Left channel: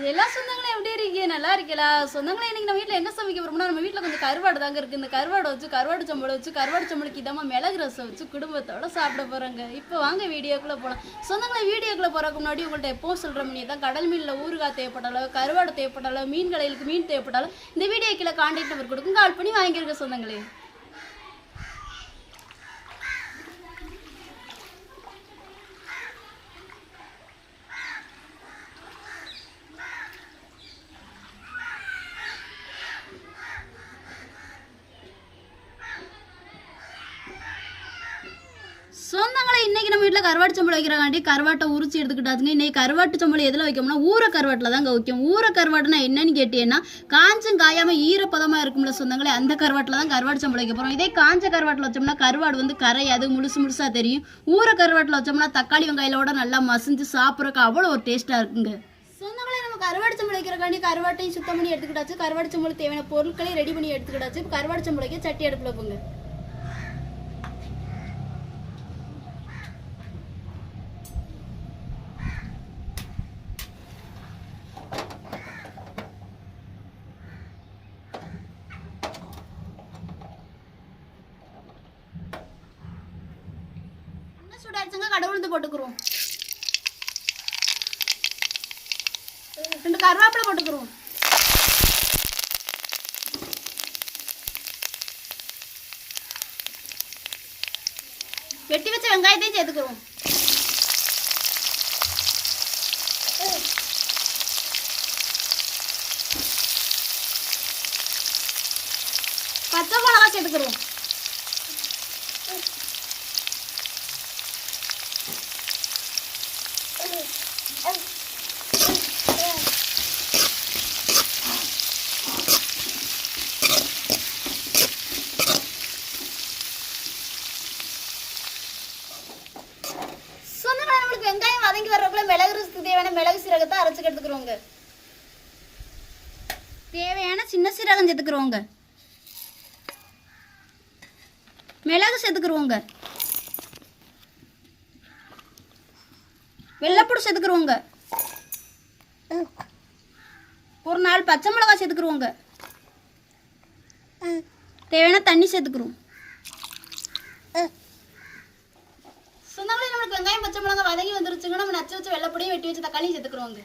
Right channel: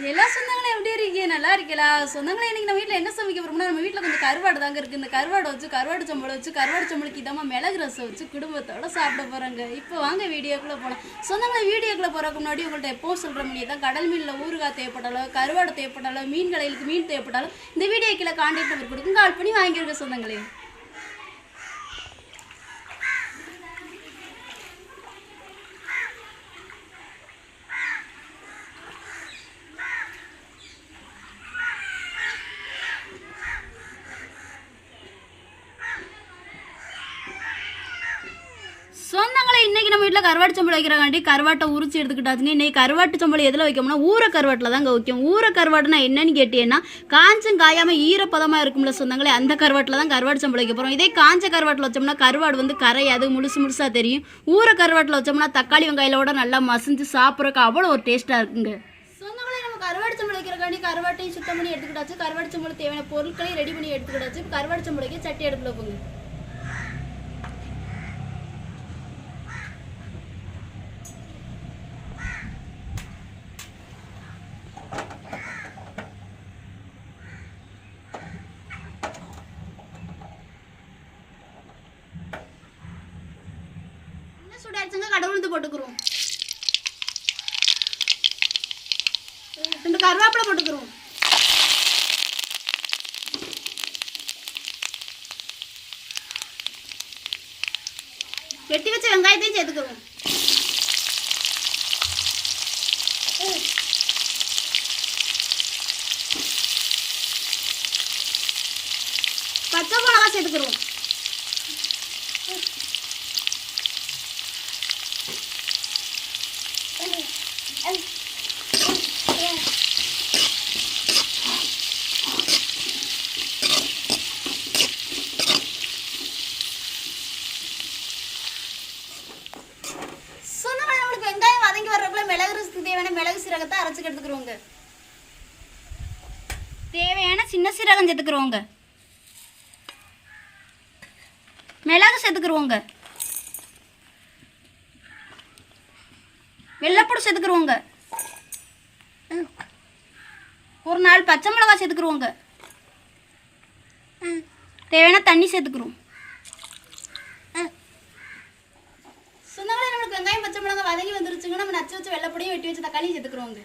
எல்லா சொந்தங்களும் எப்படி இருக்கீங்க? நல்லா இருக்கீங்களா? சொந்தங்களே இன்னைக்கு நம்ம வீட்டில் என்ன சமைக்க போறோம்னா நம்ம வீட்டில் கொஞ்சம் கருவாடு தாங்க இருக்கு. இந்த கருவாடை வச்சு கருவாடு சம்பளம் வச்சு கருவாடு சம்பளுக்கு இதமா மிளகு ரசம் வச்சு குடும்பத்தோட சாப்பிட போறாங்க. இப்போ வாங்க வீடியோக்குள்ளே போகலாம் சொந்தங்களை வீடியோக்குள்ள போறதுக்கு முன்னாடி உங்கள்கிட்ட எப்போ சொல்கிற மணி தான் கடல் மீனில் ஊறுகாய் தேவைப்பட்டாலோ கருவாடு தேவைப்பட்டாலோ மீன் கடையிலுக்கு மீன் தேவைப்பட்டாலோ இந்த வீடியோ கீழே கான்டாக்ட் நம்பர் கொடுக்கும். கால் பண்ணி வாங்கியிருக்க சொந்தங்களே சொந்தங்களை இன்னைக்கு நம்ம வீட்டில் கருவாட்டு சம்பளம் வைக்கிறாங்காண்டி கருவாட்டை உரிச்சு எடுத்துக்கிட்டாச்சுங்க இன்னைக்கு கருவாட்டு சம்பளம் எதில் வைக்கோம்னா ஊற கருவாட்டில் தாங்க வைக்கும். ஊற கருவாட்டுனா என்னன்னு கேட்டீங்கன்னா காஞ்சும் காயாமல் ஈரப்பதமாக இருக்கும்ல சொந்தங்களே அந்த கருவாட்டில் தான் கருவாட்டு சம்பளம் வைக்க போகிறோம் இதே காஞ்ச கருவாட்டில் வச்சோம்னா கருவாடு வந்து கரையாது முழுசு முழுசாக தெரியும். ஊற கருவாட்டில் வச்சோம்னா தக்காளி வெங்காயிலோட நல்லா மசிஞ்சு சாப்பிட்றதுக்கு அவ்வளோ ஒரு டேஸ்ட்டாக இருக்குங்க. சொந்தங்களே நம்ம கருவாடு சம்பளம் வைக்கிறக்காண்டி கருவாட்டையும் சுத்தம் பண்ணி எடுத்துக்கிட்டாச்சு. கருவாடு சம்பளம் தேவையான பொருட்களையும் ரெடி பண்ணி எடுத்துக்கிட்டாச்சு. இப்போ கருவாடு சம்பளைக்கு சட்டி அடுப்பில் போங்க. என்ன சூடாச்சுங்க கடவுளுந்து போட்டுக்கிறோம் ரெண்டு கருவேப்பிலை போட்டுக்கிறோம் வெட்டி வச்ச வெங்காயத்தையும் சேர்த்துக்கிறோம் பச்சை மிளகா சேர்த்துக்கிறோம் சொன்னா நம்மளுக்கு வெங்காயம் வதங்கி வர்றதுக்குள்ள மிளகு ரசத்துக்கு தேவையான மிளகு சீரகத்தை அரைச்சு எடுத்துக்கிறோங்க தேவையான சின்ன சீரகம் சேர்த்துக்கிறோங்க மிளகு சேர்த்துக்கிறோங்க வெள்ளைப்பூடு சேர்த்துக்கிறோங்க ஒரு நாலு பச்சை மிளகாய் சேர்த்துக்கிறோங்க தேவையான தண்ணி சேர்த்துக்கிறோம் சொந்தங்களே நம்மளுக்கு வெங்காயம் பச்சை மிளகாய் வதங்கி வந்துருச்சுங்க நம்ம நச்சு வச்சு வெள்ளப்படியும் வெட்டி வச்சு தக்காளியும் சேர்த்துக்கிறோங்க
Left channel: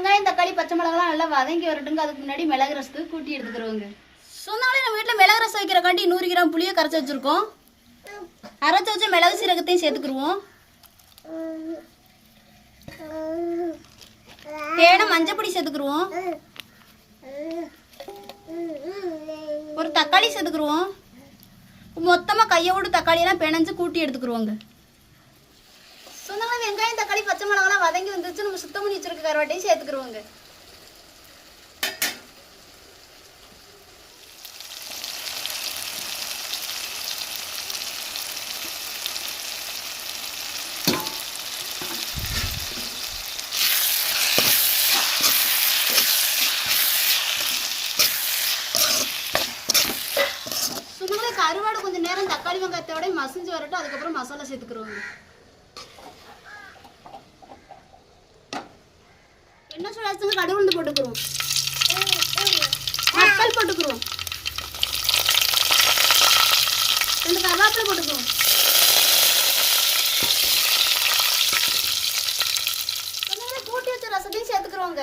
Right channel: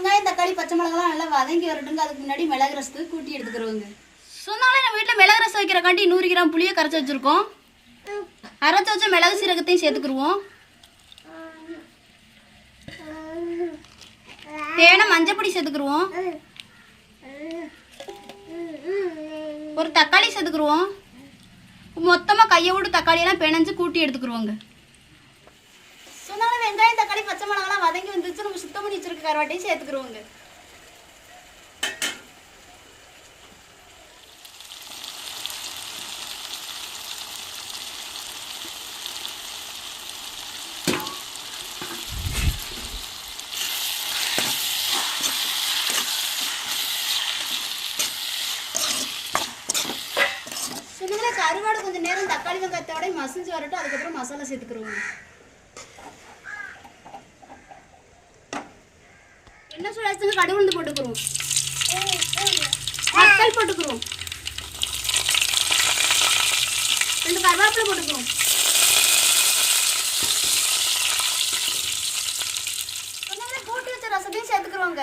வெங்காயம் தக்காளி பச்சை மிளகாலாம் நல்லா வதங்கி வரட்டுங்க அதுக்கு முன்னாடி மிளகு ரசத்துக்கு கூட்டி எடுத்துக்கிறோங்க. சொன்னாலே நம்ம வீட்டில் மிளகு ரசம் வைக்கிறக்காண்டி நூறு கிராம் புளியை கரைச்சி வச்சுருக்கோம். அரைச்சி வச்ச மிளகு சீரகத்தையும் சேர்த்துக்கிருவோம். மஞ்சள் மஞ்சப்பொடி சேர்த்துக்கிருவோம். ஒரு தக்காளி சேர்த்துக்கிருவோம். மொத்தமாக கையை விட்டு தக்காளியெல்லாம் பிணைஞ்சு கூட்டி எடுத்துக்கிருவோங்க சொன்னாலும் வெங்காயம் தக்காளி பச்சை மிளகாலாம் வதங்கி வந்துச்சு நம்ம சுத்தம் பண்ணி வச்சிருக்க கருவாட்டையும் சேர்த்துக்கிருவோங்க. கருவாடு கொஞ்சம் நேரம் தக்காளி வெங்காயத்தோட மசிஞ்சு வரட்டும். அதுக்கப்புறம் மசாலா சேர்த்துக்கிறோங்க என்ன சொல்லாச்சுங்க உளுந்து போட்டுக்கிறோம். மக்கள் போட்டுக்கிறோம். ரெண்டு கருவேப்பிலை போட்டுக்கிறோம் சொன்னாலே கூட்டி வச்ச ரசத்தையும் சேர்த்துக்கிறோங்க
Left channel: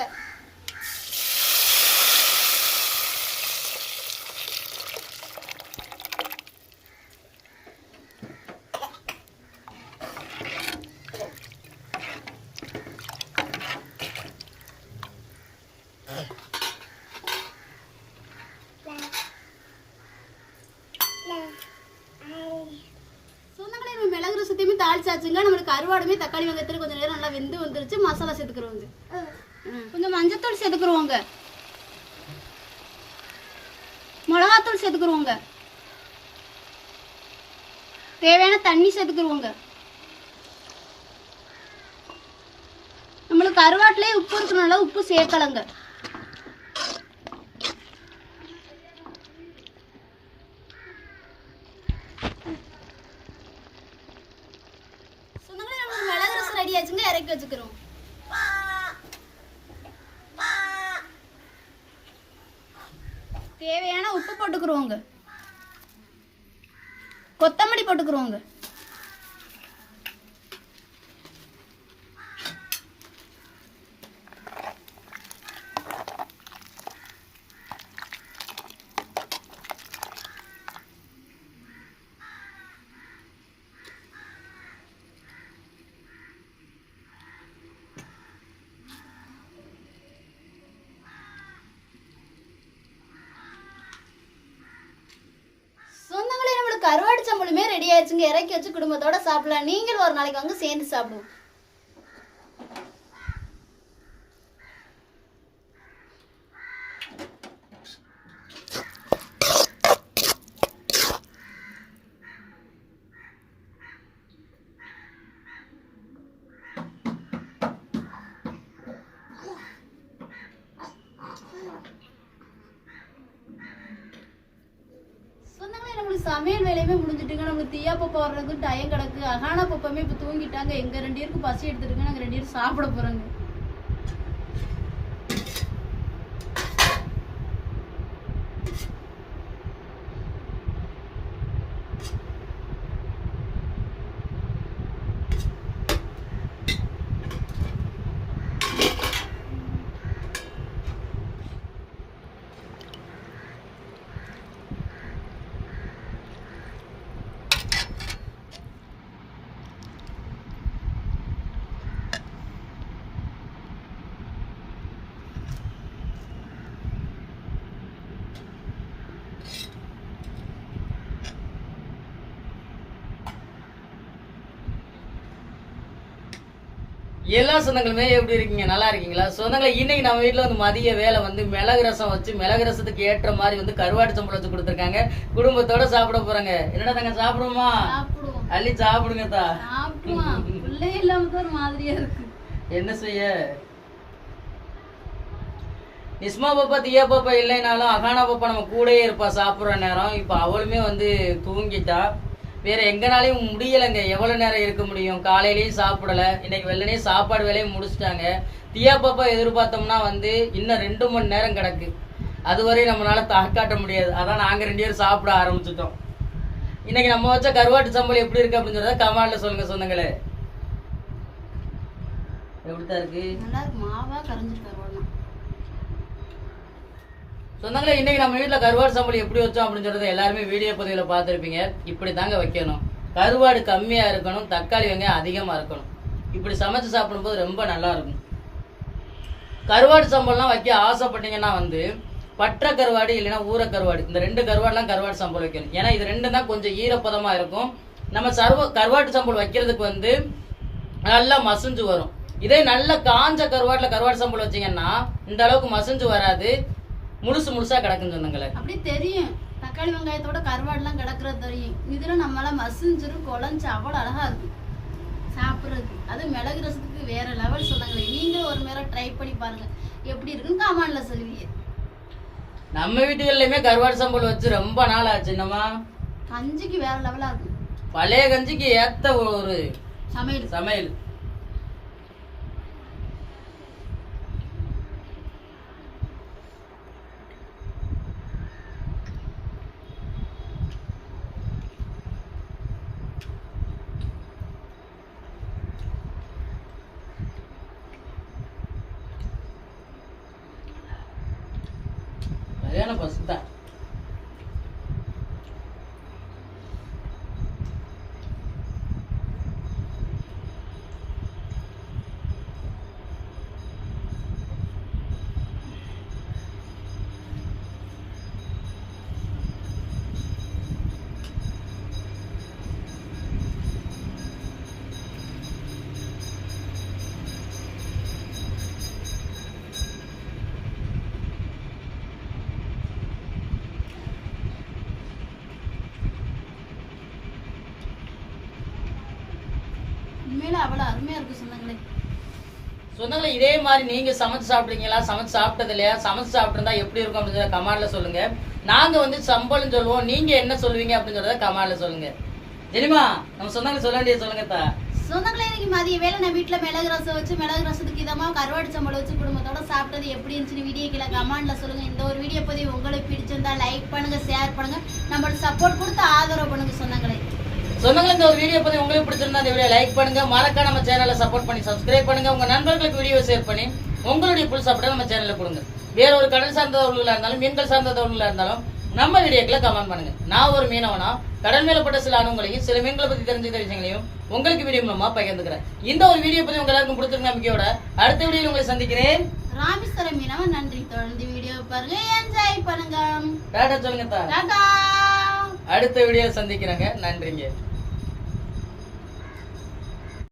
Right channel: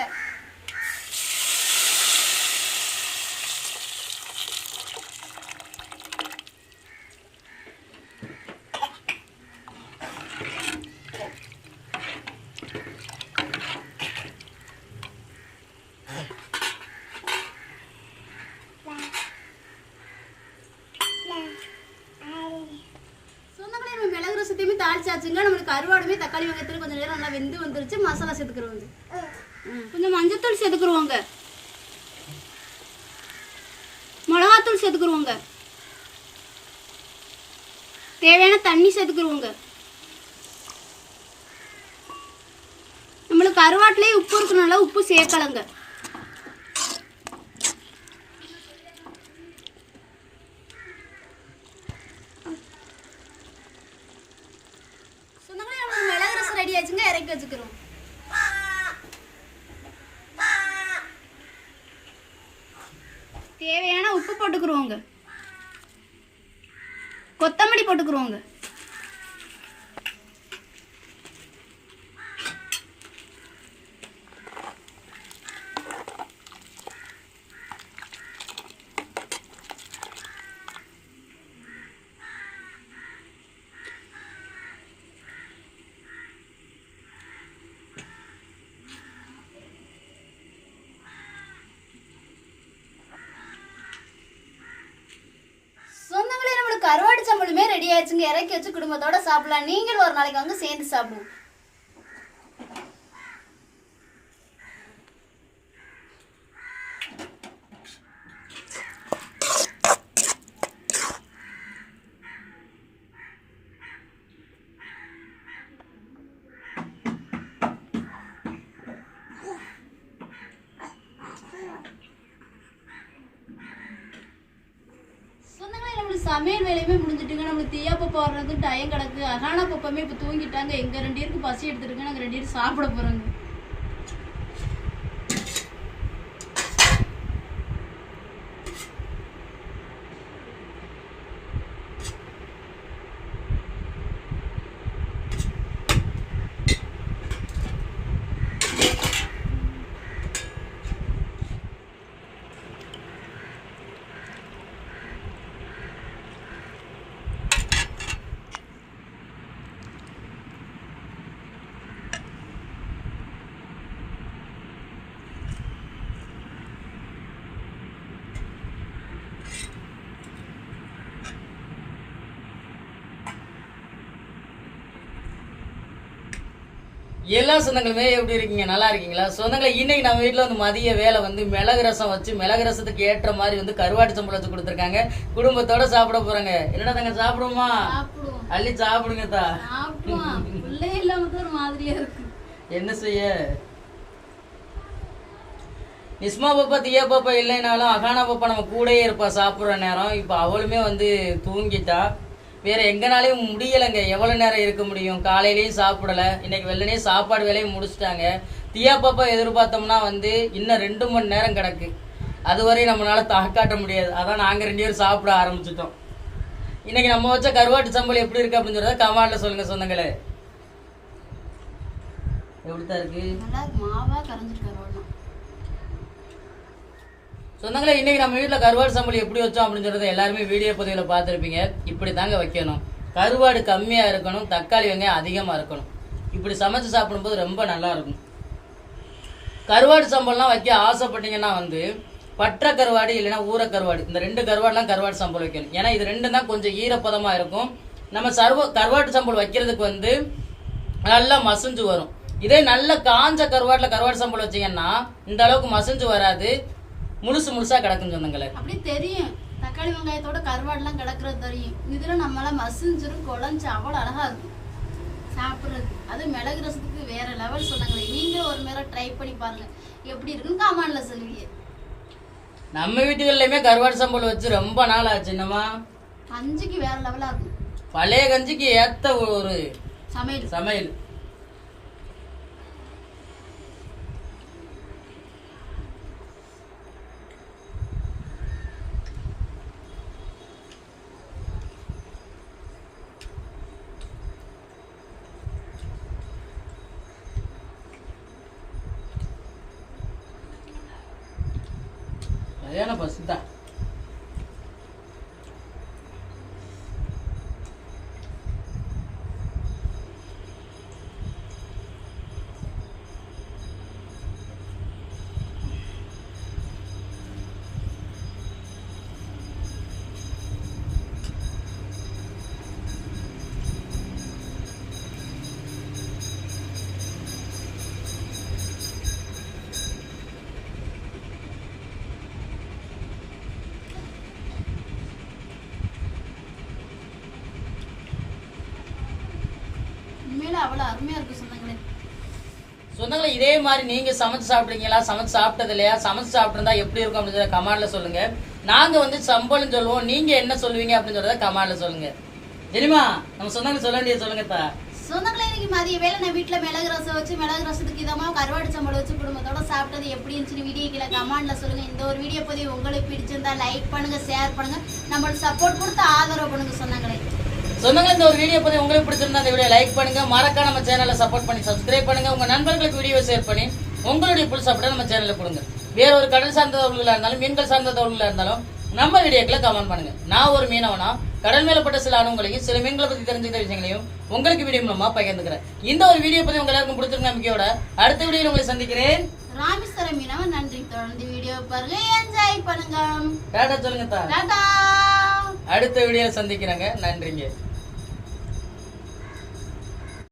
சொந்தங்களே நம்ம மிளகு ரசத்தையுமே தாளிச்சாச்சுங்க நம்மளுக்கு கருவாடுமே தக்காளி வெங்காயத்துல கொஞ்சம் நேரம் நல்லா வெந்து வந்துருச்சு மசாலா சேர்த்துக்கிறோங்க கொஞ்சம் மஞ்சத்தூள் சேர்த்துக்கிறோங்க மிளகாத்தூள் சேர்த்துக்கிறோங்க தேவையான தண்ணி சேர்த்துக்குருவோங்க நம்மளுக்கு கருவாட்டிலே உப்பு இருக்கனால உப்பு சேர்க்கலங்க சொன்னாங்களே நம்மளுக்கு மிளகு ரசம் ரெடி வச்சுக்கிறோம். தேவையான உப்பு போட்டுக்கிறோங்க கொத்தமல்லி போட்டுக்கிறோங்க சொந்தங்களே நம்மளுக்கு கருவாடு சம்பளமே இறக்கி வச்சு குடும்பத்தோட சாப்பிடலாம். நீங்களும் ஒரு நாளைக்கு வந்து சேர்ந்து சாப்பிடுவோம் சொந்தங்களே நம்மளுக்கு சமையல் வேலையுமே முடிஞ்சிட்டுங்க. நம்மளுக்கு தீயா பப்பா டயம் கிடக்கு. அகானா பப்பமே இப்போ தூங்கிட்டாங்க. எங்கள் ரெண்டு பேருக்கு பசி எடுத்துருங்க நாங்கள் ரெண்டு பேரும் சாப்பிட போகிறோங்க எல்லா சொந்தங்களுமே எப்படி இருக்கீங்க? நல்லா இருக்கீங்களா? சொந்தங்களை இன்னைக்கு நம்ம வீட்ல வந்து மதிய வேலை வந்து மிளகு ரசம் வச்சு மிளகு ரசத்துக்கு ஏற்ற மாதிரி வந்து கருவாட்டு சம்பளம் வச்சு கொடுத்துருக்காங்க. குடும்பத்தோட சாப்பிட போறாங்க. என்னடா தங்க சாப்பிடுவோமா? அள்ளி சாப்பிடுங்க தா. என்ன செய்ய? நிஸ்மா பாப்பா தியா பாப்பா இல்லைனாலும் அகானா பாப்பா நம்ம கூடயே இருப்பா. சாப்பிடுற நேரம். இப்ப அவளுமே வந்து தூங்கிட்டா. வேற எங்கனாலையும் முடியலைங்க. எவ்வளவு நேரம் இருக்க முடியும்? காலையிலயும் சாப்பிடல. இன்னைக்கு வெள்ளனே சாப்பாடு வேலையை முடிச்சிட்டாங்க. தியா பாப்பா எதிர்பார்த்தோம்னா வந்து இன்னும் ரெண்டு மணி நேரம் கிடக்கு. அதுவரை நம்மளால தாக்காட்ட முடியாது. அதான் நாங்க ரெண்டு பேரும் சாப்பிட ஆரம்பிச்சிட்டோம். இன்னைக்கு நம்ம வச்ச கருவாட்டு சம்பளம் எப்படி இருக்கு அப்படின்னு சொல்றத கமாண்ட்ல சொல்லுங்க சொந்தங்களே. எப்படித்தான் இருக்கு? நல்லா மாவா கரைஞ்சிட்டு சொந்தங்களே இன்னைக்கு நம்ம வீட்டில் கருவாடு சம்பளம் எப்படி வச்சோம்? அப்படின்னு சொல்றது எல்லாருமே வீடியோ பதிவில் பார்த்துருப்பீங்க. இப்படி தாங்க வைக்கணும். கருவாடு கம்மியா இருக்கணும் தக்காளி வெங்காயம் அதிகமா இருக்கணும். இப்படி சமைச்சு சாப்பிடும்போது ரொம்ப நல்லா இருக்கும். கருவாடு சம்பளம்லாம் வைக்க ஆசைப்பட்டீங்கன்னா வந்து பற்ற கருவாடு இல்லைன்னா ஊற கருவாடு. இந்த ரெண்டு கருவாடுலாம் கருவாடு சம்பளம் வைக்கணும். ஏன்னா இது ரெண்டும் தான் கொஞ்சம் ஈரப்பதமா இருக்கும். நம்ம சர்வ கருவாட்டு சம்பளம் வைக்கிறதுக்கு வந்து நல்லா மசிஞ்சு வரும். இதே நல்ல காஞ்ச கருவாட்டில் கருவாடு சம்பளம் வச்சீங்கன்னா இந்த அளவுக்கு மசிஞ்சு வராது. முழுசு முழுசா கிடக்கும் சொந்தங்களே அப்படி தெரியும். தக்காளி வெங்காயத்தோட கருவாடுலாம் கிடக்குறது தெரியும். இதுல நம்மளால மசிஞ்சிரும் குழஞ்சு அவ்வளோ அழகா இருக்கும். சாப்பிட்றது. அது மிளகு ரசத்துக்கு வேற லெவல் சொன்னாங்களே. நீங்களும் ஒரு முறை ட்ரை பண்ணி பாருங்க. எப்படி இருக்குன்னு கமாண்ட்ல சொல்லுவீங்க நம்ம வீட்டுகள்லயுமே கருவாடு சம்பளம் வச்சு ரொம்ப நாள் ஆச்சு என்னமா கஞ்சிக்கு வேற லெவலா இருக்கும். பழைய கஞ்சிக்கு ஏத்த ஒரு சமையல். சமையல். சரியான பசு உண்மையில அவ்வளவு அருமையா இருக்கு சொந்தங்களே. சொந்தங்களே இதே மாதிரி நீங்க சமைச்சு சாப்பிடுறீங்களா? சமைச்சு சாப்பிட்டது இல்லையா? சமைச்சு சாப்பிட்டிருந்தா எப்படி இருக்கும் அப்படின்னு கமாண்ட்ல சொல்லுங்க. நாங்க வந்து சம்பளம் சொல்லுவோம். நீங்க என்ன சொல்லுவீங்க அப்படின்னு சொல்றத கமாண்ட்ல சொல்லுங்க. தெரியுமா? நம்ம சொந்தங்களை சொல்ல வேண்டியது சொல்லுங்க தா சொந்தங்களே இன்னைக்கு மதிய வேலை நான் வீட்டுல மிளகு ரசம் வச்சு மிளகு ரசத்துக்கு இதமா கருவாடு சம்பளம் வச்சு குடும்பத்தோட சாப்பிட்டது எப்படி இருந்துச்சுன்னு வீடியோ கீழே கமெண்ட்ல சொல்லுங்க. இந்த ஒரு வீடியோ பதிவு உங்களுக்கு பிடிச்சிருந்தா லைக் பண்ணுங்க ஷேர் பண்ணுங்க. நம்மளுக்கு சப்போர்ட் கொடுத்து ஆதரவு பண்ணுங்க சொந்தங்களே. சொந்தங்களே இந்த ஒரு வீடியோ பத்தி உங்களுக்கு பிடிச்சிருந்தா இந்த வீடியோ லைக் பண்ணுங்க. மறக்காம நம்ம சேனலை சப்போர்ட் பண்ணி சப்ஸ்கிரைப் பண்ணுங்க. உங்க நண்பர்களுக்கு வீடியோ ஷேர் பண்ணி உங்களுடைய புல் சாப்பிட நம்ம சேனல்ல கொடுங்க. வேற ஒரு கடல் சார்ந்த தகவல்களா இருந்தாலும் மீன்கள் சார்ந்த தகவல்களா இருந்தாலும் நம்ம வீடியோக்களை கமெண்ட் பண்ணுங்க. நான் ஒரு மீனவனா கடல் மேல பட்ட சில அனுபவங்களையும் சில மீன்களை பத்தி தெரிஞ்சுக்கிற விஷயங்களையும் உங்களுக்கு வீடியோ மூலமா பகிர்ந்துக்கிறேன். இந்த ஒரு வீடியோ பத்தி உங்க எல்லாருக்கும் பிடிச்சிருக்க நம்பிக்கையோட அடுத்த வீடியோல உங்களை சந்திக்கிறேன். ராமேஸ்வரம் மீனவன் நன்றி. தொடர்ந்து வீடியோ பாருங்க. என்ஜாய் பண்ணுங்க. டாடா சொல்லுங்க அடுத்த வீடியோ சந்திக்கிறேங்க. நன்றிங்க.